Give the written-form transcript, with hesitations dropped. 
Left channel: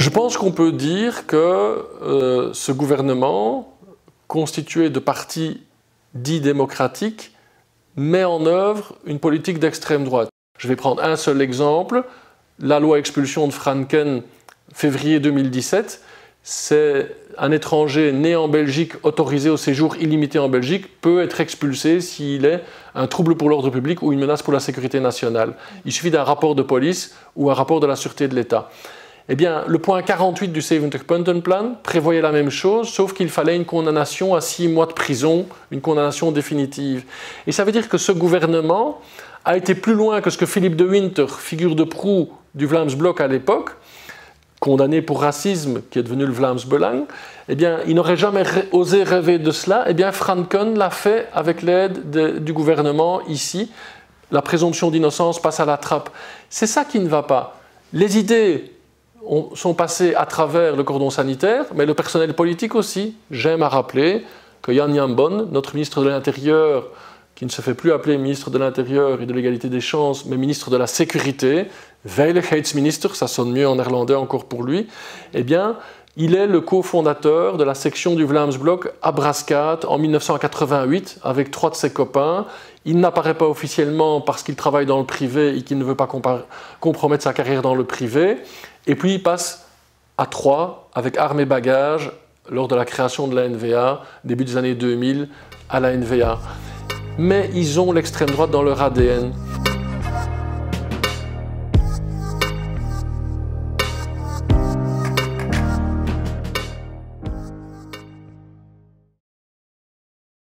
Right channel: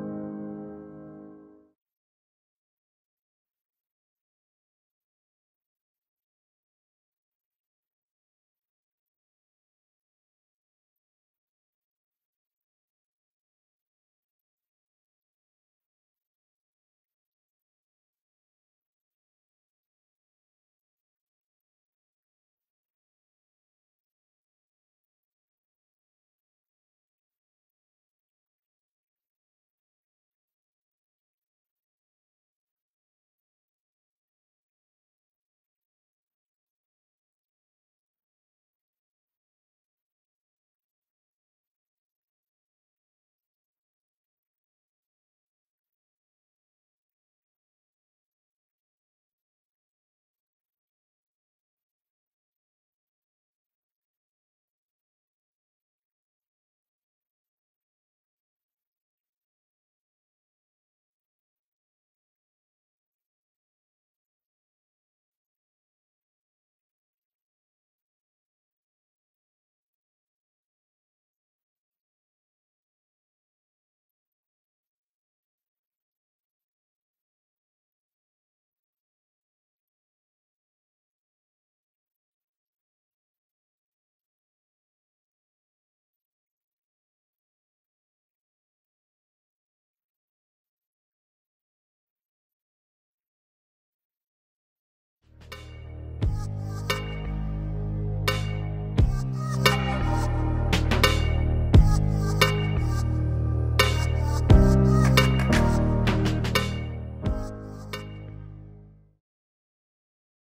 Je pense qu'on peut dire que ce gouvernement, constitué de partis dits démocratiques, met en œuvre une politique d'extrême droite. Je vais prendre un seul exemple, la loi expulsion de Franken, février 2017, c'est un étranger né en Belgique, autorisé au séjour illimité en Belgique, peut être expulsé s'il est un trouble pour l'ordre public ou une menace pour la sécurité nationale. Il suffit d'un rapport de police ou un rapport de la sûreté de l'État. Eh bien, le point 48 du 70-Puntenplan prévoyait la même chose, sauf qu'il fallait une condamnation à 6 mois de prison, une condamnation définitive. Et ça veut dire que ce gouvernement a été plus loin que ce que Philippe de Winter, figure de proue du Vlaams-Blok à l'époque, condamné pour racisme, qui est devenu le Vlaams-Belang, eh bien, il n'aurait jamais osé rêver de cela. Eh bien, Franken l'a fait avec l'aide du gouvernement ici. La présomption d'innocence passe à la trappe. C'est ça qui ne va pas. Les idées sont passées à travers le cordon sanitaire, mais le personnel politique aussi. J'aime à rappeler que Jan Jambon, notre ministre de l'Intérieur, qui ne se fait plus appeler ministre de l'Intérieur et de l'égalité des chances, mais ministre de la Sécurité, Veiligheidsminister, ça sonne mieux en néerlandais encore pour lui, eh bien, il est le cofondateur de la section du Vlaams-Blok à Brascaat en 1988 avec 3 de ses copains. Il n'apparaît pas officiellement parce qu'il travaille dans le privé et qu'il ne veut pas compromettre sa carrière dans le privé. Et puis il passe à 3 avec armes et bagages lors de la création de la NVA, début des années 2000 à la NVA. Mais ils ont l'extrême droite dans leur ADN.